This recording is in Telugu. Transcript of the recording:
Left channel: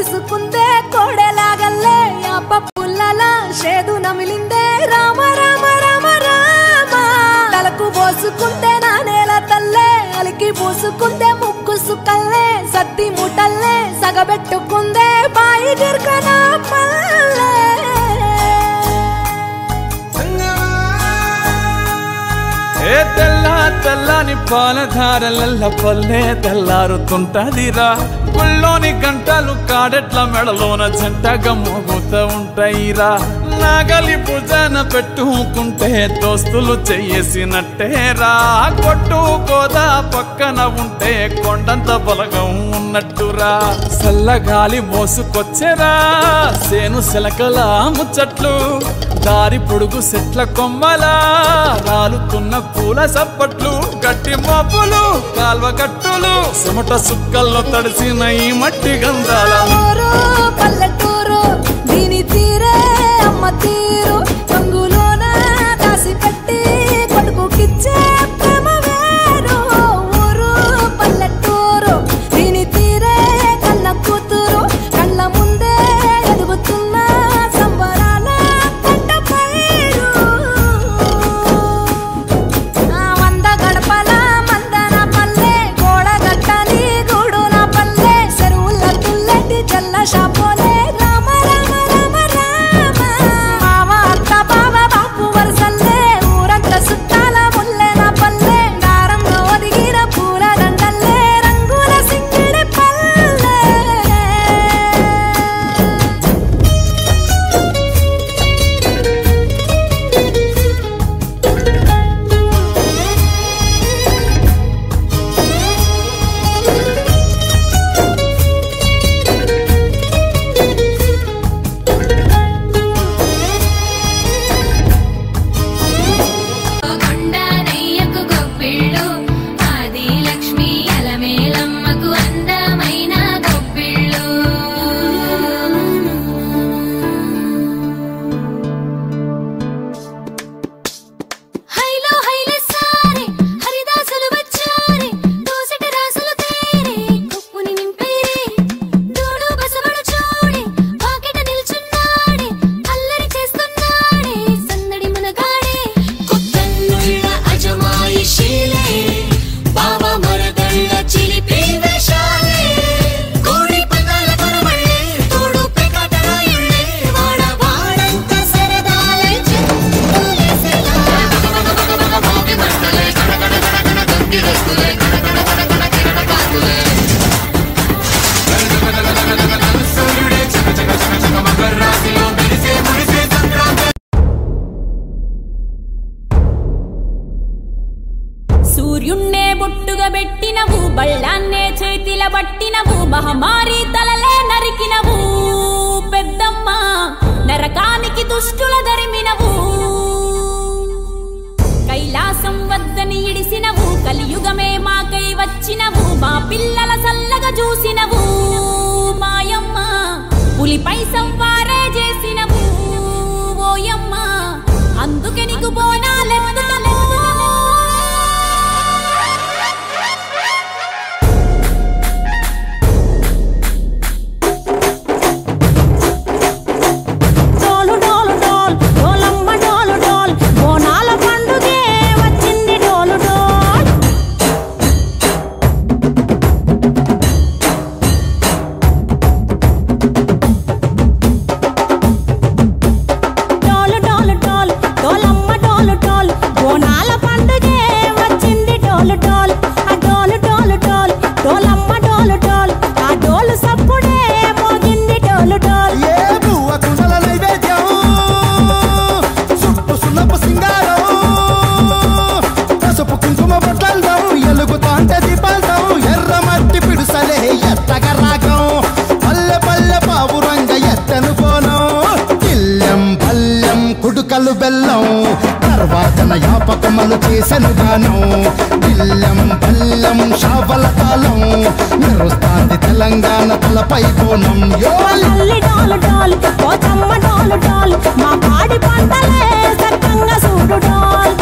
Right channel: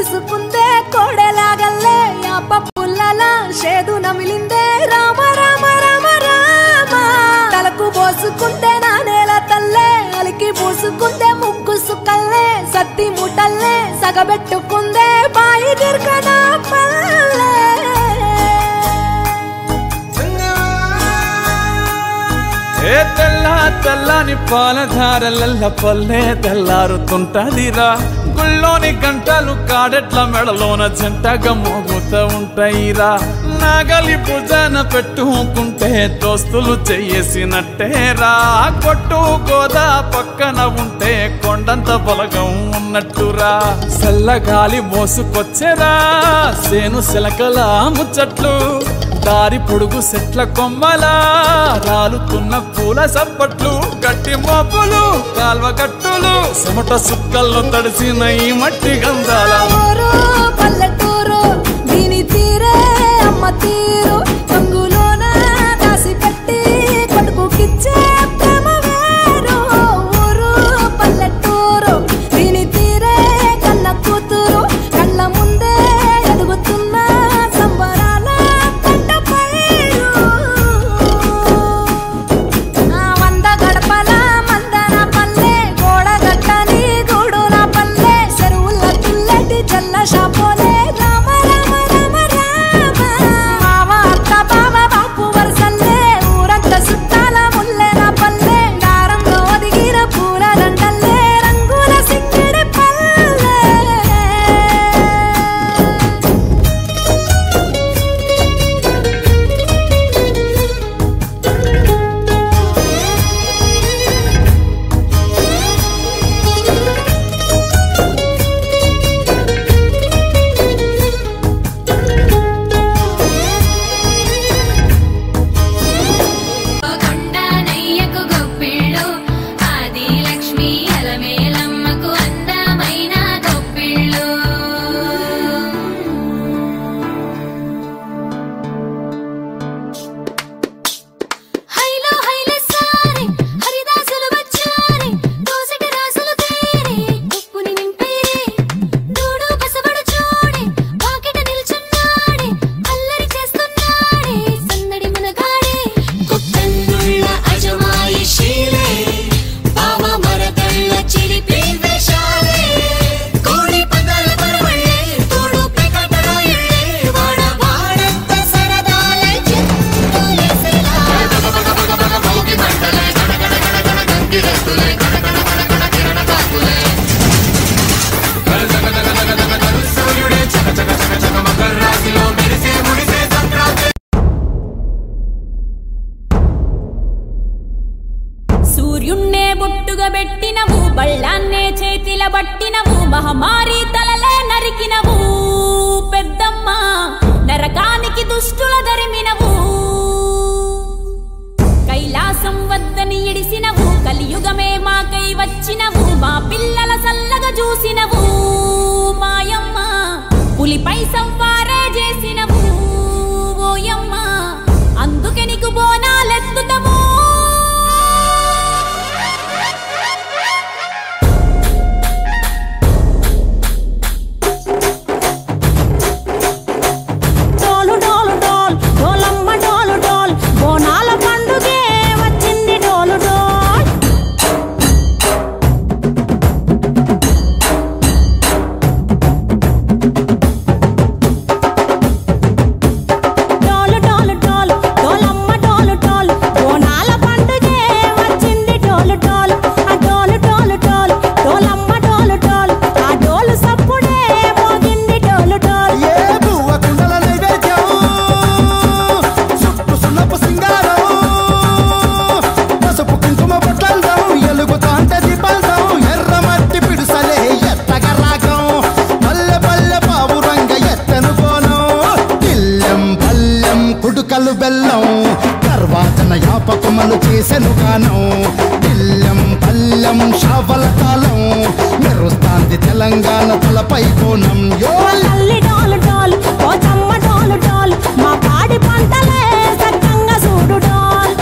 ముడుసుకుందే కోడెలాగల్లే యాప పుల్లల షేదు నమిలిందే రామ రామ రామ రామ తలకు పోసుకుందే నా నేల తల్లే అలికి పూసుకుందే ముగ్గు సుక్కల్లే సద్ది ముటల్లే సగబెట్టుకుందే బాయి దిర్కన పల్లె ఏ తెల్ల తెల్లని పాలధారలల్ల పల్లె తెల్లారుతుంటదిరా గుళ్ళోని గంటలు కాడెట్ల మెడలోన జంటగా మోగుతూ ఉంటాయిరా నాగలి భుజాన పెట్టుకుంటే దోస్తులు చెయ్యేసినట్టేరా కొట్టు గోదా పక్కన ఉంటే కొండంత బలగం ఉన్నట్టురా చల్లగాలి మోసుకొచ్చెరా సేను శిలకల ముచ్చట్లు దారి పొడుగు చెట్ల కొమ్మలా రాలుతున్న పూల సప్పట్లు గట్టి మోపులు కాల్వ గట్టులు చెమట సుక్కల్లో తడిసిన ఈ మట్టి గంధాల పల్లెటూరు దీని తీరే అమ్మ తీరు కంగులోన దాసి పెట్టి కొడుకుకిచ్చే ప్రేమ వేరు ఊరు పల్లెటూరు దీని తీరే కన్న కూతురు కళ్ళ ముందే ఎదుగుతున్న సంబరాల పంట పైరు వంద గడపల మందన పల్లె గోడ గట్టని గూడు నా పల్లె చెరువుల తుల్లటి జల్ల షాపోలే రామ రామ రామ రామ మామ అత్త బావ బాపు వరసల్లే ఊరంత సుట్టాల ముల్లె నా పల్లె దారంలో ఒదిగిన పూల దండల్లే రంగుల సింగిడి పల్లె కొండనయ్యకు గొప్పిళ్ళు ఆది లక్ష్మి అలమేలమ్మకు అందమైన గొప్పిళ్ళు హైలో హైలే సారే హరిదాసులు వచ్చారే దోసటి రాసులు తేరే కుప్పుని నింపేరే దూడు బసవడు చూడే పాకెట నిల్చున్నాడే అల్లరి చేస్తున్నాడే సన్నడి మనగాడే కొత్తన్నుళ్ళ అజమాయిషీలే బావ మరదళ్ళ చిలిపి వేషాలే కోడి పందాల పరమళ్ళే తోడు పెకటరాయళ్ళే వాడ వాడంత సరదాలే చెప్పులేసెలా మోగి మంటలే గడగడ గడగడ గంగి రస్తులే గడగడ గడగడ కిరణ కాకులే సూర్యుడే చక చక చక చక మకర రాశిలో మెరిసే ముడిసే చంద్రాంత సూర్యున్నే బొట్టుగా పెట్టినవు బళ్ళాన్నే చేతిల బట్టినవు మహమారి తలలే నరికినవు పెద్దమ్మ నరకానికి దుష్టుల దరిమినవు కైలాసం వద్దని ఇడిసినవు కలియుగమే మాకై వచ్చినవు మా పిల్లల సల్లగా చూసినవు మాయమ్మ పులిపై సంవారే చేసినవు ఓయమ్మ అందుకే నీకు బోనాలెత్తుతాము డోలు డోలు డోల్ డోలమ్మ డోలు డోల్ బోనాల పండుగే వచ్చింది డోలు డోల్ డోలు డోలు డోల్ డోలమ్మ డోలు డోల్ బోనాల పండుగే వచ్చింది డోలు డోల్ ఆ డోలు డోలు డోల్ డోలమ్మ డోలు డోల్ ఆ డోలు సప్పుడే మోగింది డోలు డోల్ ఏ బువ్వ కుండల నైవేద్యం చుట్టు సున్నపు సింగారం పసుపు కుంకుమ బొట్లందం ఎలుగుతాంటే దీపాంతం ఎర్ర మట్టి పిడుసలే ఎత్తగ రాగం పల్లె పల్లె పావురంగ ఎత్తను కోనం కిల్లెం పల్లెం కుడుకలు బెల్లం తర్వాతన యాపకుమలు చేసెను గానం కిల్లెం పల్లెం షావల తాళం మెరుస్తాంది తెలంగాణ తలపై కోణం యో తల్లి డోలు డోల్ పోచమ్మ డోలు డోల్ మా పాడి పంటలే సక్కంగా చూడు డోల్